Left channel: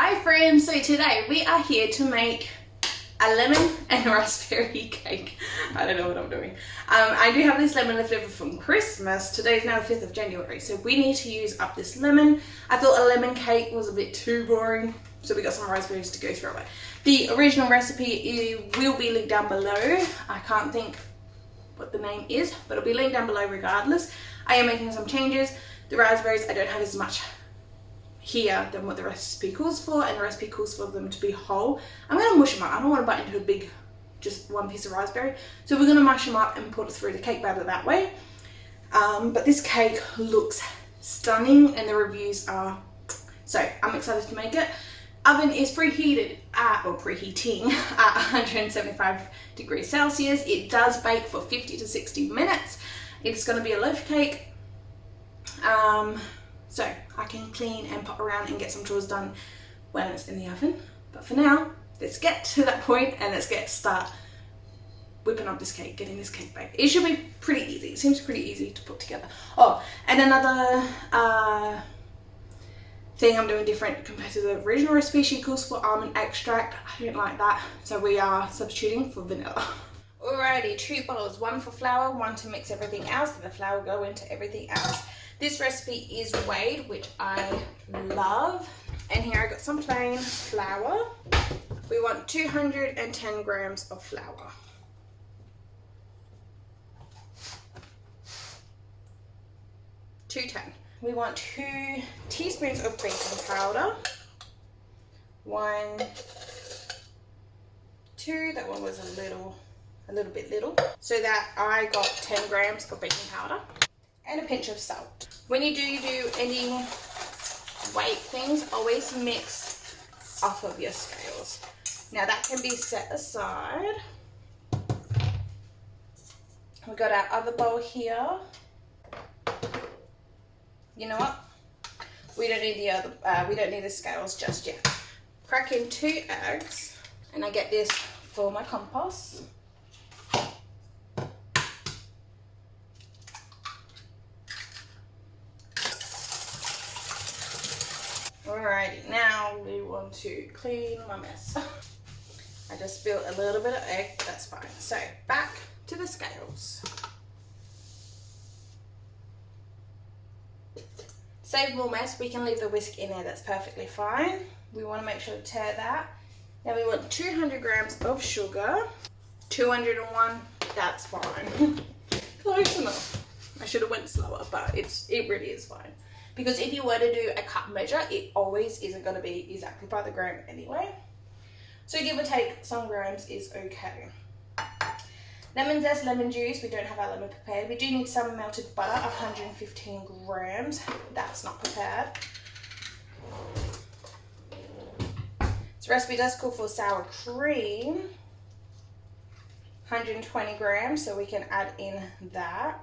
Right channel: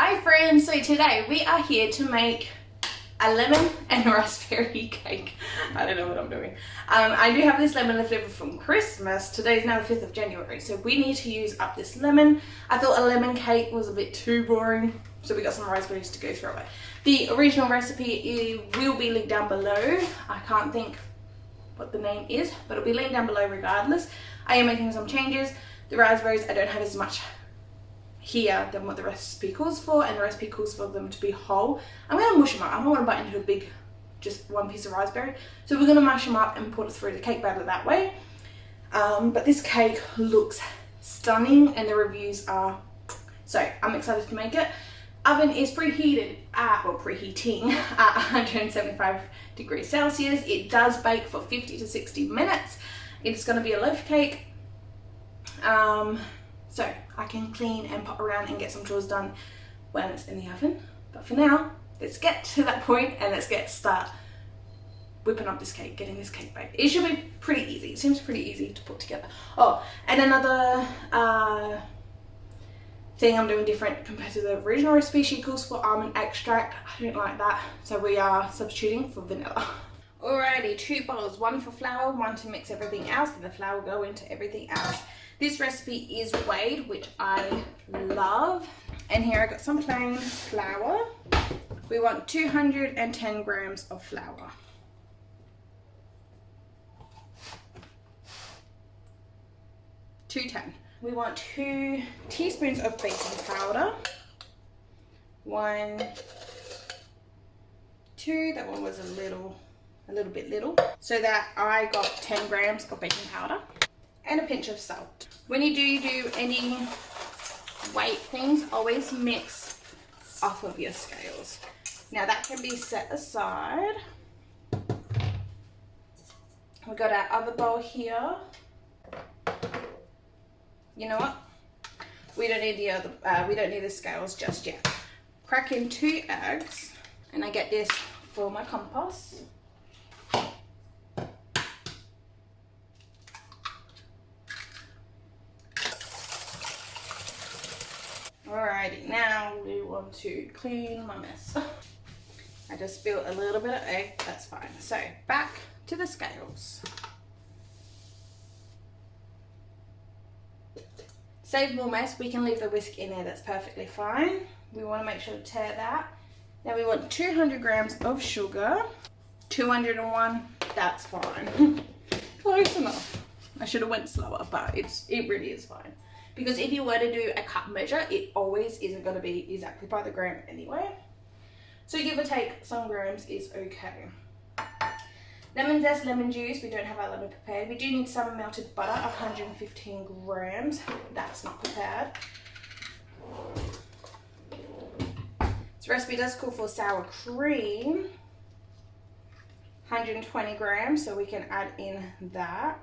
Hi friends, so today we are here to make a lemon and raspberry cake. I don't know what I'm doing. I do have this lemon left over from Christmas. Today's now the 5th of January, so we need to use up this lemon. I thought a lemon cake was a bit too boring, so we got some raspberries to go through it. The original recipe will be linked down below. I can't think what the name is, but it'll be linked down below regardless. I am making some changes. The raspberries, I don't have as much here than what the recipe calls for, and the recipe calls for them to be whole. I'm going to mush them up. I don't want to bite into a big, just one piece of raspberry. So we're going to mash them up and put it through the cake batter that way. But this cake looks stunning and the reviews are, so I'm excited to make it. Oven is preheated at, or preheating at 175 degrees Celsius. It does bake for 50 to 60 minutes. It's going to be a loaf cake. So I can clean and pop around and get some chores done when it's in the oven. But for now, let's get to that point and let's start whipping up this cake, getting this cake baked. It should be pretty easy. It seems pretty easy to put together. Oh, and another thing I'm doing different compared to the original recipe, she calls for almond extract. I don't like that, so we are substituting for vanilla. Alrighty, 2 bowls, 1 for flour, 1 to mix everything else, and the flour will go into everything else. This recipe is weighed, which I love. And here I got some plain flour. We want 210 grams of flour. We want 2 teaspoons of baking powder. 1, 2, that one was a little bit little. So that I got 10 grams of baking powder. And a pinch of salt. When you do any weight things, always mix off of your scales. Now that can be set aside. We got our other bowl here. You know what? We don't need the scales just yet. Crack in 2 eggs, and I get this for my compost. Alrighty, now we want to clean my mess. I just spilled a little bit of egg, that's fine. So back to the scales. Save more mess, we can leave the whisk in there, that's perfectly fine. We want to make sure to tear that. Now we want 200 grams of sugar. 201, that's fine. Close enough. I should have went slower, but it really is fine. Because if you were to do a cup measure, it always isn't going to be exactly by the gram anyway. So give or take some grams is okay. Lemon zest, lemon juice. We don't have our lemon prepared. We do need some melted butter, 115 grams. That's not prepared. This recipe does call for sour cream, 120 grams. So we can add in that.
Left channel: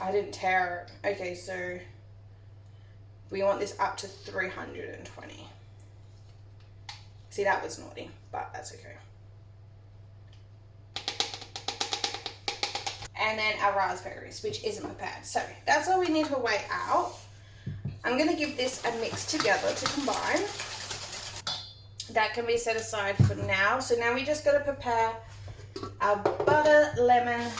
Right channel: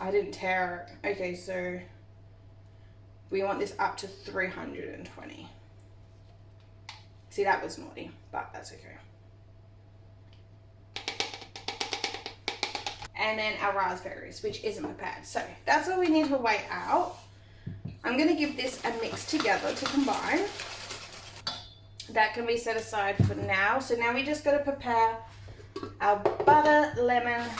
I didn't tear it. Okay, so we want this up to 320. See, that was naughty, but that's okay. And then our raspberries, which isn't prepared. So that's all we need to weigh out. I'm gonna give this a mix together to combine. That can be set aside for now. So now we just gotta prepare our butter, lemon,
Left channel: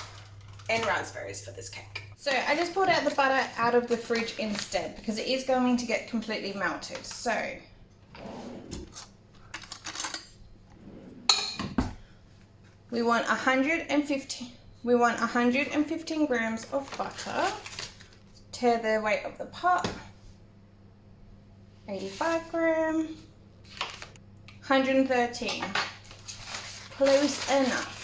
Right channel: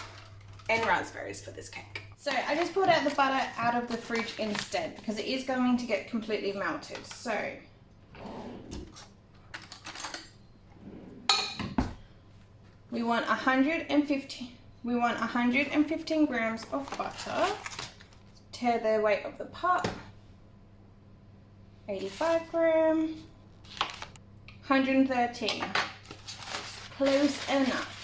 and raspberries for this cake. So I just pulled out the butter out of the fridge instead because it is going to get completely melted. So we want 115 grams of butter. Tear the weight of the pot. 85 grams. 113. Close enough.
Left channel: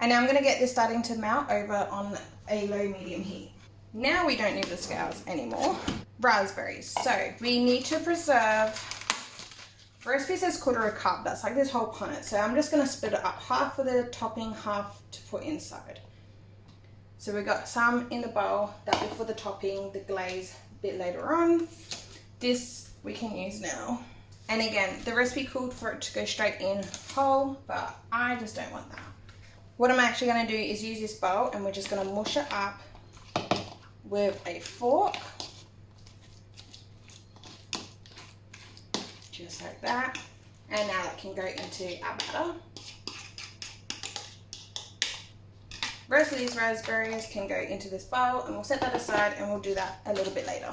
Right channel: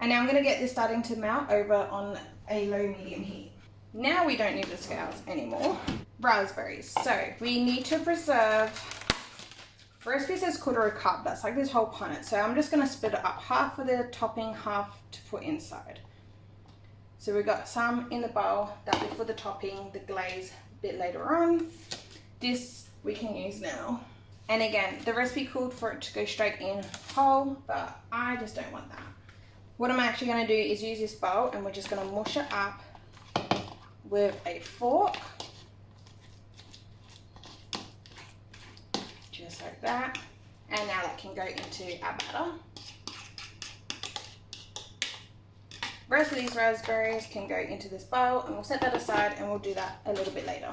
And now I'm going to get this starting to melt over on a low-medium heat. Now we don't need the scales anymore. Raspberries. So we need to preserve, the recipe says 1/4 cup. That's like this whole punnet. So I'm just going to split it up. Half for the topping, half to put inside. So we got some in the bowl. That'll be for the topping, the glaze a bit later on. This we can use now. And again, the recipe called for it to go straight in whole, but I just don't want that. What I'm actually going to do is use this bowl and we're just going to mush it up with a fork. just like that. And now that can go into our batter. The rest of these raspberries can go into this bowl, and we'll set that aside, and we'll do that a little bit later.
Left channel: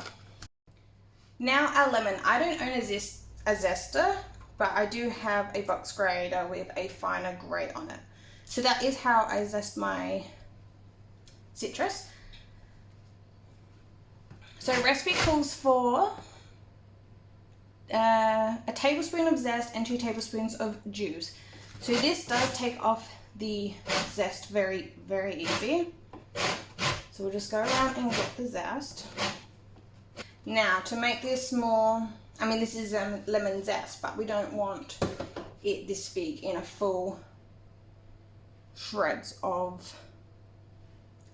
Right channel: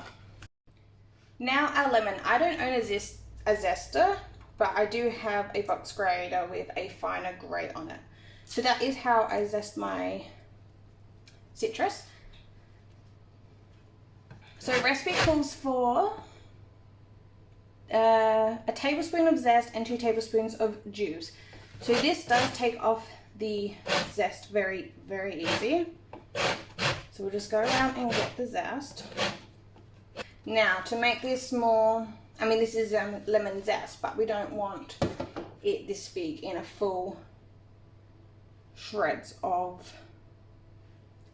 Now our lemon. I don't own a zester, but I do have a box grater with a finer grate on it. So that is how I zest my citrus. So recipe calls for a tablespoon of zest and 2 tablespoons of juice. So this does take off the zest very, very easy. So we'll just go around and get the zest. Now to make this more, I mean this is lemon zest, but we don't want it this big in a full shreds of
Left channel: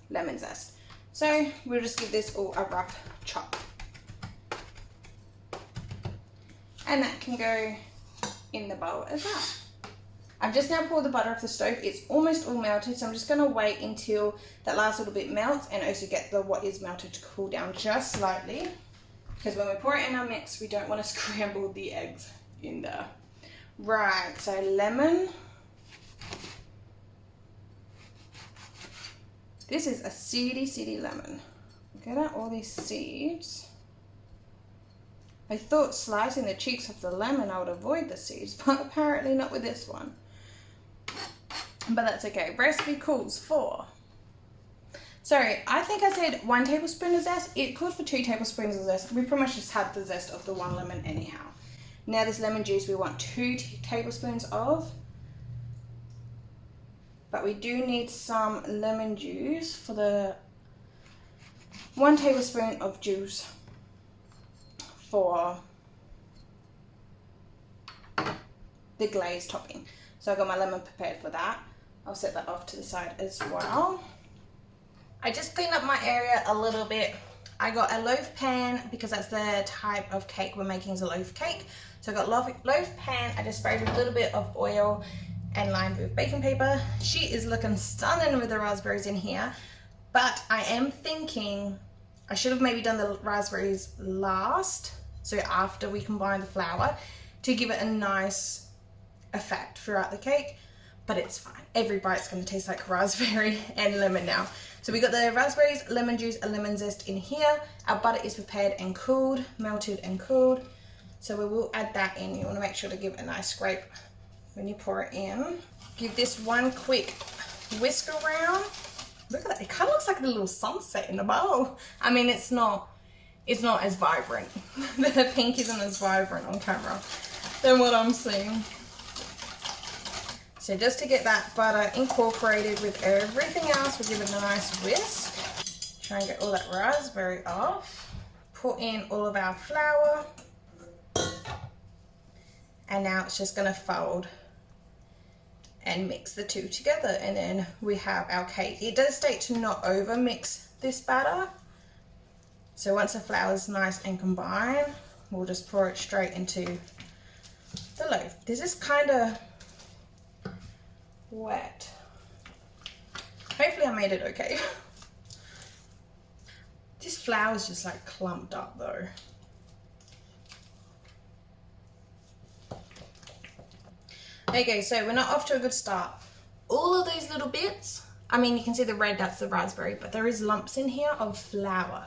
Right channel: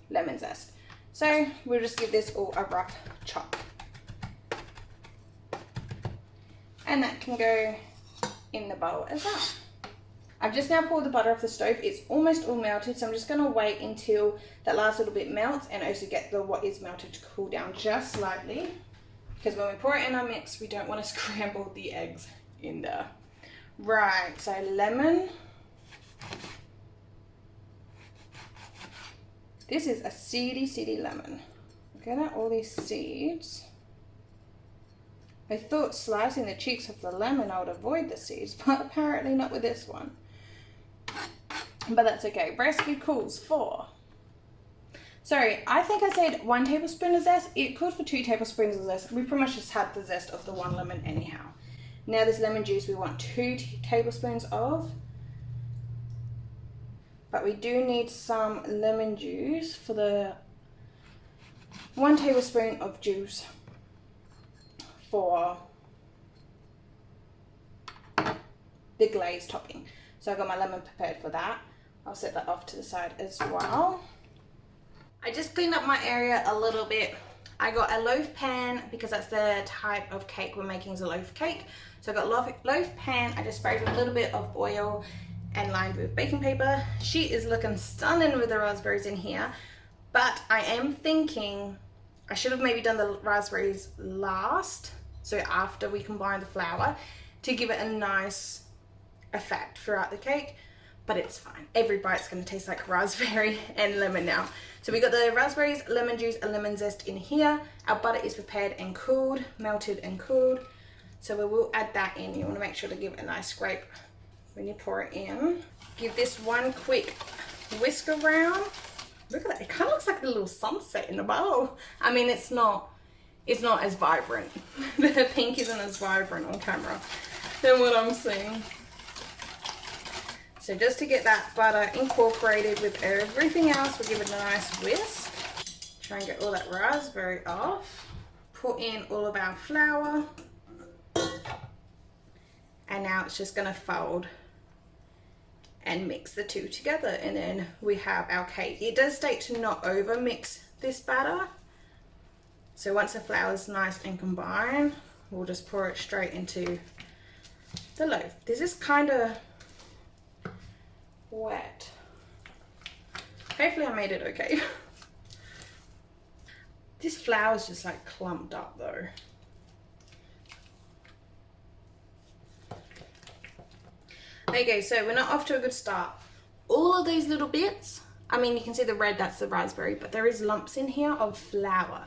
lemon zest. So we'll just give this all a rough chop. And that can go in the bowl as well. I've just now poured the butter off the stove. It's almost all melted, so I'm just gonna wait until that last little bit melts and also get the what is melted to cool down just slightly. Because when we pour it in our mix, we don't want to scramble the eggs in there. Right, so lemon. This is a seedy lemon. Look at all these seeds. I thought slicing the cheeks of the lemon I would avoid the seeds, but apparently not with this one. But that's okay. Recipe calls for. Sorry, I think I said 1 tablespoon of zest. It called for 2 tablespoons of zest. We pretty much just had the zest of the 1 lemon anyhow. Now this lemon juice we want 2 tablespoons of. But we do need some lemon juice for the 1 tablespoon of juice for the glaze topping. So I got my lemon prepared for that. I'll set that off to the side as well. I just cleaned up my area a little bit. I got a loaf pan because that's the type of cake we're making, is a loaf cake. So I got loaf pan. I just sprayed a little bit of oil and lined with baking paper. She is looking stunning with the raspberries in here, but I am thinking I should have maybe done the raspberries last, so after we combine the flour, to give it a nice effect throughout the cake. But it's fine. Every bite's going to taste like raspberry and lemon now. So we got the raspberries, lemon juice, and lemon zest in here. Our butter is prepared and cooled, melted and cooled. So we will add that in. You want to make sure to give it a nice scrape when you pour it in. Give this one quick whisk around. Look at that. It kind of looks like a little sunset in the bowl. I mean, it's not as vibrant. The pink isn't as vibrant on camera than what I'm seeing. So just to get that butter incorporated with everything else, we'll give it a nice whisk. Try and get all that raspberry off. Put in all of our flour. And now it's just gonna fold and mix the two together. And then we have our cake. It does state to not over mix this batter. So once the flour is nice and combined, we'll just pour it straight into the loaf. This is kind of wet. Hopefully I made it okay. This flour is just like clumped up though. Okay, so we're not off to a good start. All of these little bits, I mean, you can see the red, that's the raspberry, but there is lumps in here of flour.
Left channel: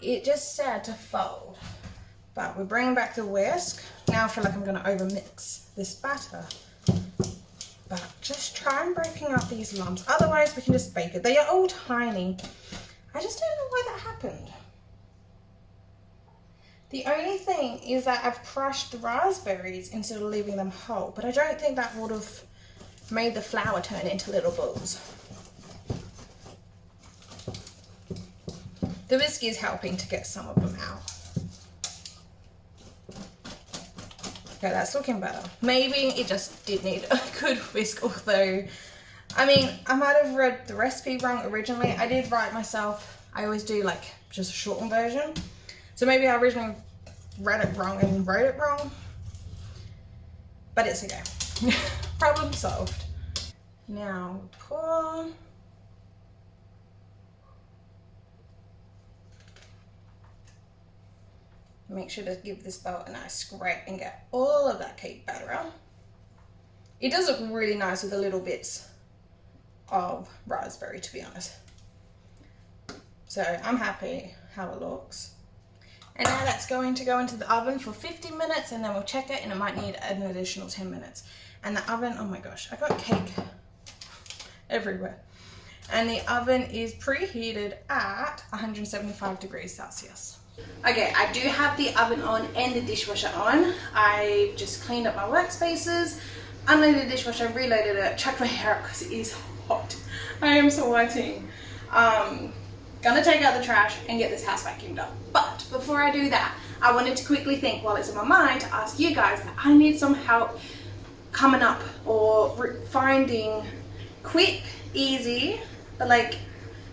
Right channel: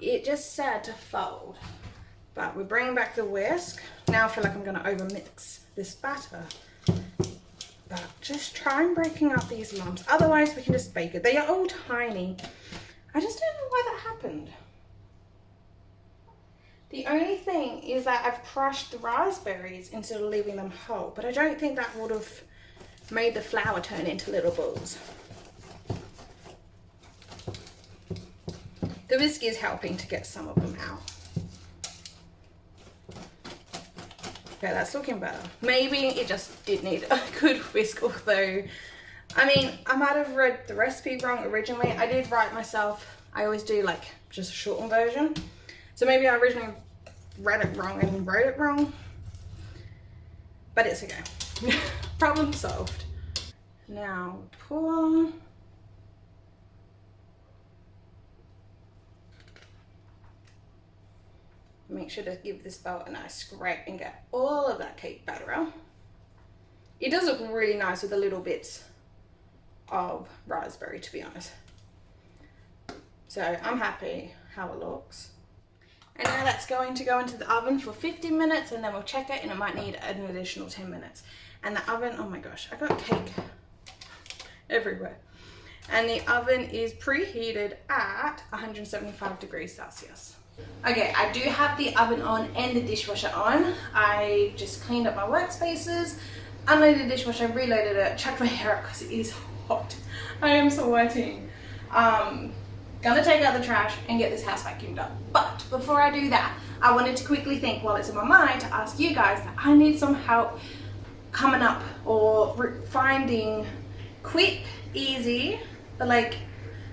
It just started to fold, but we're bringing back the whisk. Now I feel like I'm gonna over mix this batter. But just try and breaking up these lumps. Otherwise, we can just bake it. They are all tiny. I just don't know why that happened. The only thing is that I've crushed the raspberries instead of leaving them whole, but I don't think that would have made the flour turn into little balls. The whisk is helping to get some of them out. Okay, that's looking better. Maybe it just did need a good whisk, although, I mean, I might have read the recipe wrong originally. I did write myself, I always do like just a shortened version. So maybe I originally read it wrong and wrote it wrong, but it's okay. Problem solved. Now pour. make sure to give this bowl a nice scrape and get all of that cake batter out. It does look really nice with the little bits of raspberry, to be honest. So I'm happy how it looks. And now that's going to go into the oven for 50 minutes, and then we'll check it, and it might need an additional 10 minutes. And the oven, oh my gosh, I got cake everywhere. And the oven is preheated at 175 degrees Celsius. Okay, I do have the oven on and the dishwasher on. I just cleaned up my workspaces, unloaded the dishwasher, reloaded it, chucked my hair up because it is hot. I am sweating. Gonna take out the trash and get this house vacuumed up. But before I do that, I wanted to quickly think while it's in my mind to ask you guys that I need some help coming up or finding quick, easy, but like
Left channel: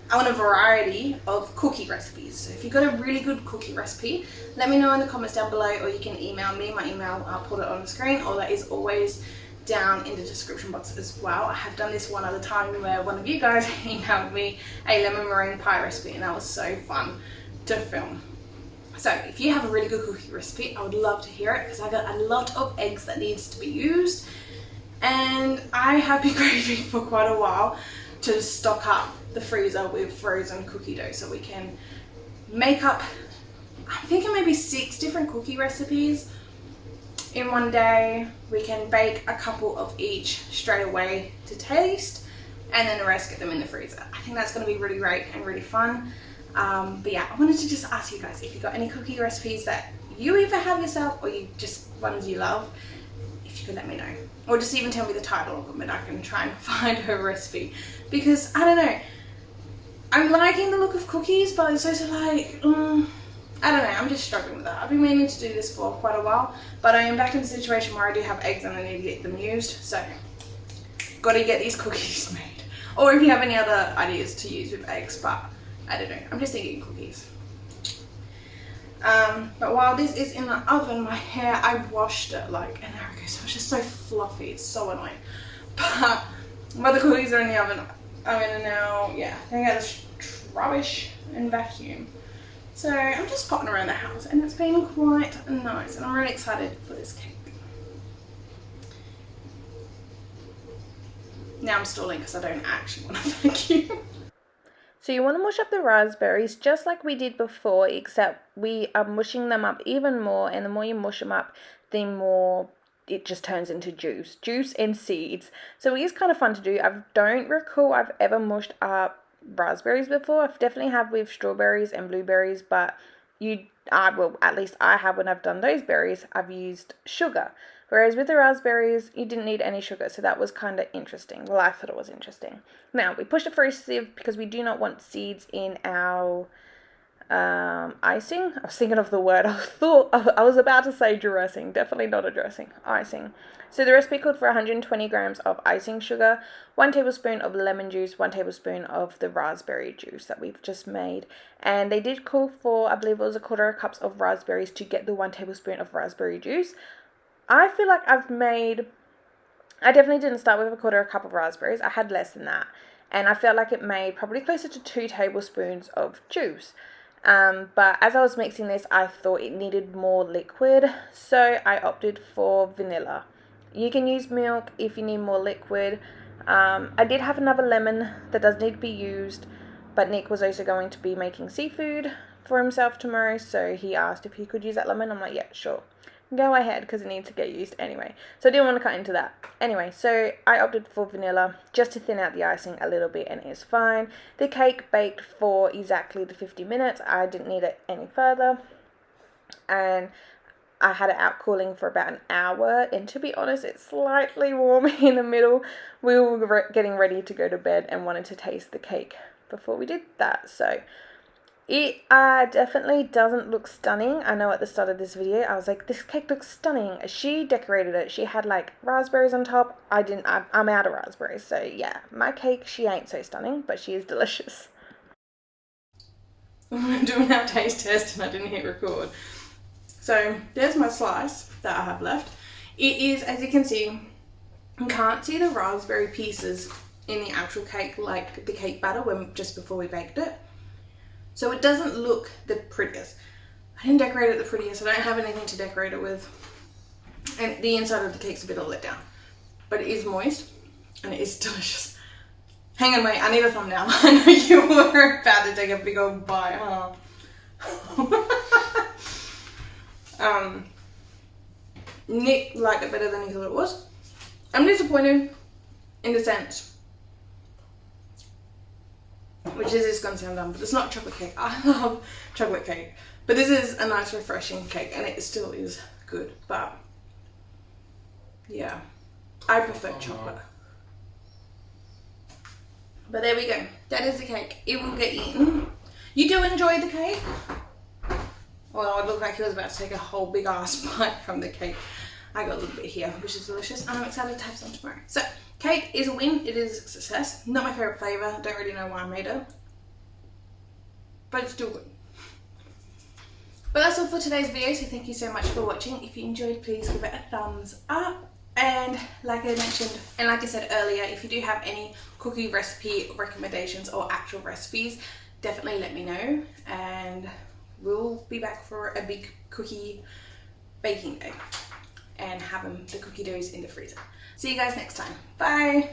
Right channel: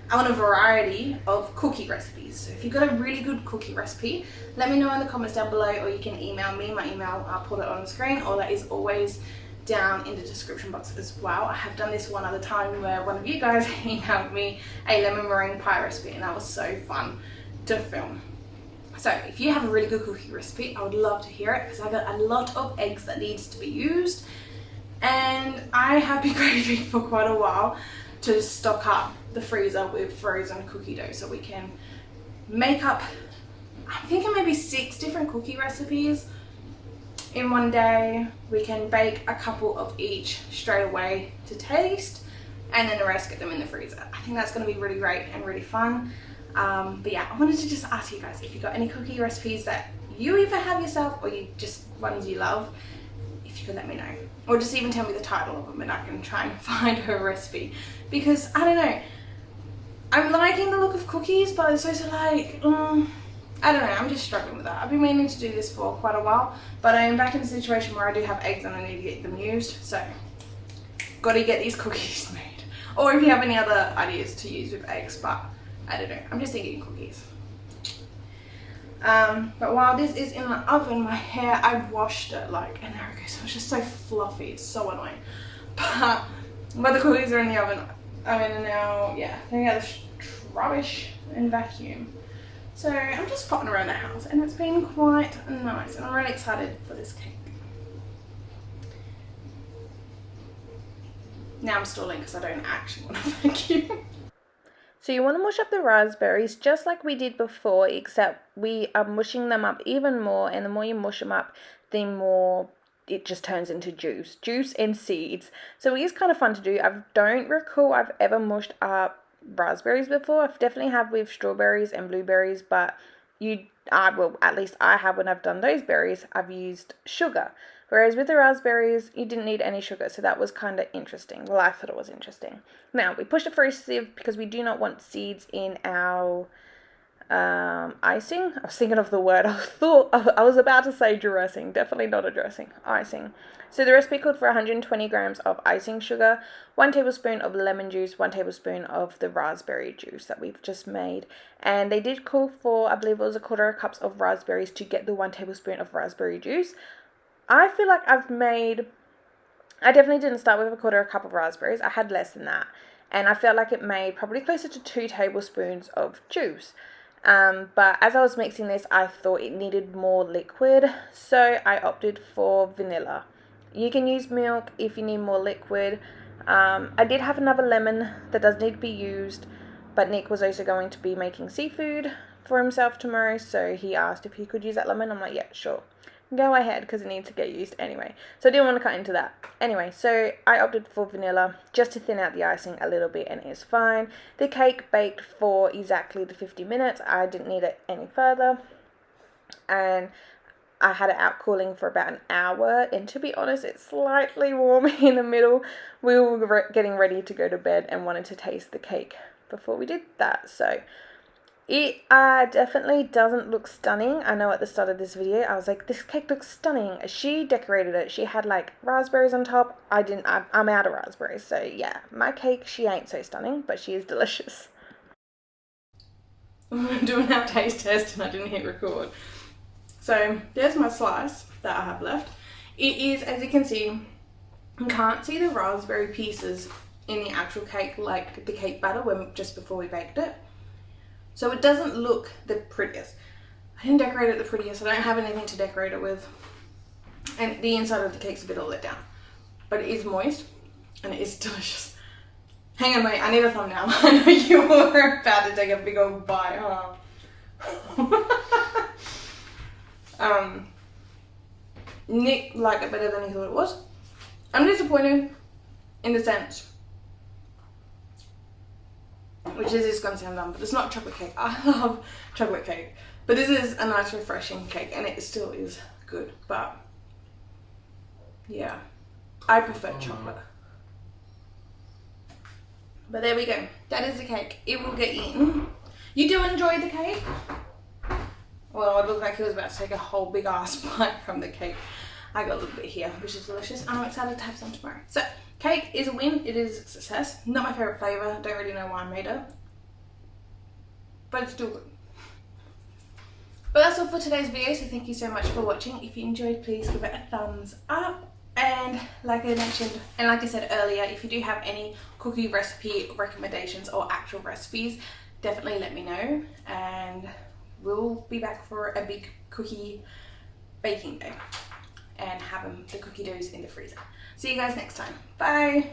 I want a variety of cookie recipes. So if you've got a really good cookie recipe, let me know in the comments down below, or you can email me. My email, I'll put it on the screen, or that is always down in the description box as well. I have done this one other time where one of you guys emailed me a lemon meringue pie recipe, and that was so fun to film. So if you have a really good cookie recipe, I would love to hear it, because I got a lot of eggs that needs to be used, and I have been craving for quite a while to stock up the freezer with frozen cookie dough so we can make up, I'm thinking maybe 6 different cookie recipes in one day. We can bake a couple of each straight away to taste, and then the rest get them in the freezer. I think that's going to be really great and really fun. But yeah, I wanted to just ask you guys if you got any cookie recipes that you either have yourself or you just ones you love. If you could let me know, or just even tell me the title of them and I can try and find her recipe, because I don't know, I'm liking the look of cookies, but it's also like I don't know, I'm just struggling with that. I've been meaning to do this for quite a while, but I am back in a situation where I do have eggs and I need to get them used, so gotta get these cookies made. Or if you have any other ideas to use with eggs, but I don't know, I'm just thinking cookies. But while this is in the oven, my hair, I washed it like an hour ago, so it's just so fluffy, it's so annoying. But while the cookies are in the oven, I'm gonna now, take out this rubbish and vacuum. So I'm just potting around the house, and it's been quite nice, and I'm really excited for this cake. Now I'm stalling because I don't actually want to vacuum. So you want to mush up the raspberries just like we did before, except we are mushing them up even more, and the more you mush them up, the more it just turns into juice and seeds. So it is kind of fun to do. I don't recall I've ever mushed up raspberries before. I've definitely have with strawberries and blueberries, but at least I have when I've done those berries, I've used sugar. Whereas with the raspberries, you didn't need any sugar, so that was kind of interesting. Well, I thought it was interesting. Now, we pushed it through a sieve because we do not want seeds in our icing. I was thinking of the word. I was about to say dressing. Definitely not a dressing. Icing. So the recipe called for 120 grams of icing sugar, 1 tablespoon of lemon juice, 1 tablespoon of the raspberry juice that we've just made. And they did call for, I believe it was 1/4 cups of raspberries to get the 1 tablespoon of raspberry juice. I feel like I definitely didn't start with 1/4 cup of raspberries. I had less than that. And I felt like it made probably closer to 2 tablespoons of juice. But as I was mixing this, I thought it needed more liquid, so I opted for vanilla. You can use milk if you need more liquid. I did have another lemon that does need to be used, but Nick was also going to be making seafood for himself tomorrow, so he asked if he could use that lemon. I'm like, yeah, sure. Go ahead, because it needs to get used anyway. So I didn't want to cut into that. Anyway, so I opted for vanilla just to thin out the icing a little bit, and it's fine. The cake baked for exactly the 50 minutes. I didn't need it any further. And I had it out cooling for about an hour. And to be honest, it's slightly warm in the middle. We were getting ready to go to bed and wanted to taste the cake before we did that. So it definitely doesn't look stunning. I know at the start of this video, I was like, this cake looks stunning. She decorated it. She had like raspberries on top. I'm out of raspberries. So yeah, my cake, she ain't so stunning, but she is delicious. I'm doing our taste test and I didn't hit record. So there's my slice that I have left. It is, as you can see, you can't see the raspberry pieces in the actual cake like the cake batter just before we baked it. So it doesn't look the prettiest. I didn't decorate it the prettiest. I don't have anything to decorate it with. And the inside of the cake's a bit all let down. But it is moist and it is delicious. Hang on, wait, I need a thumbnail. I know you were about to take a big old bite, huh? Nick liked it better than he thought it was. I'm disappointed in the sense, which is going to sound dumb, but it's not chocolate cake. I love chocolate cake. But this is a nice refreshing cake and it still is good. But yeah, I prefer chocolate. But there we go. That is the cake. It will get eaten. You do enjoy the cake? Well, it looked like he was about to take a whole big ass bite from the cake. I got a little bit here, which is delicious. And I'm excited to have some tomorrow. So, cake is a win. It is a success. Not my favourite flavour. Don't really know why I made it. But it's still good. But that's all for today's video. So thank you so much for watching. If you enjoyed, please give it a thumbs up. And like I mentioned, and like I said earlier, if you do have any cookie recipe recommendations or actual recipes, definitely let me know. And we'll be back for a big cookie baking day and have the cookie doughs in the freezer. See you guys next time. Bye.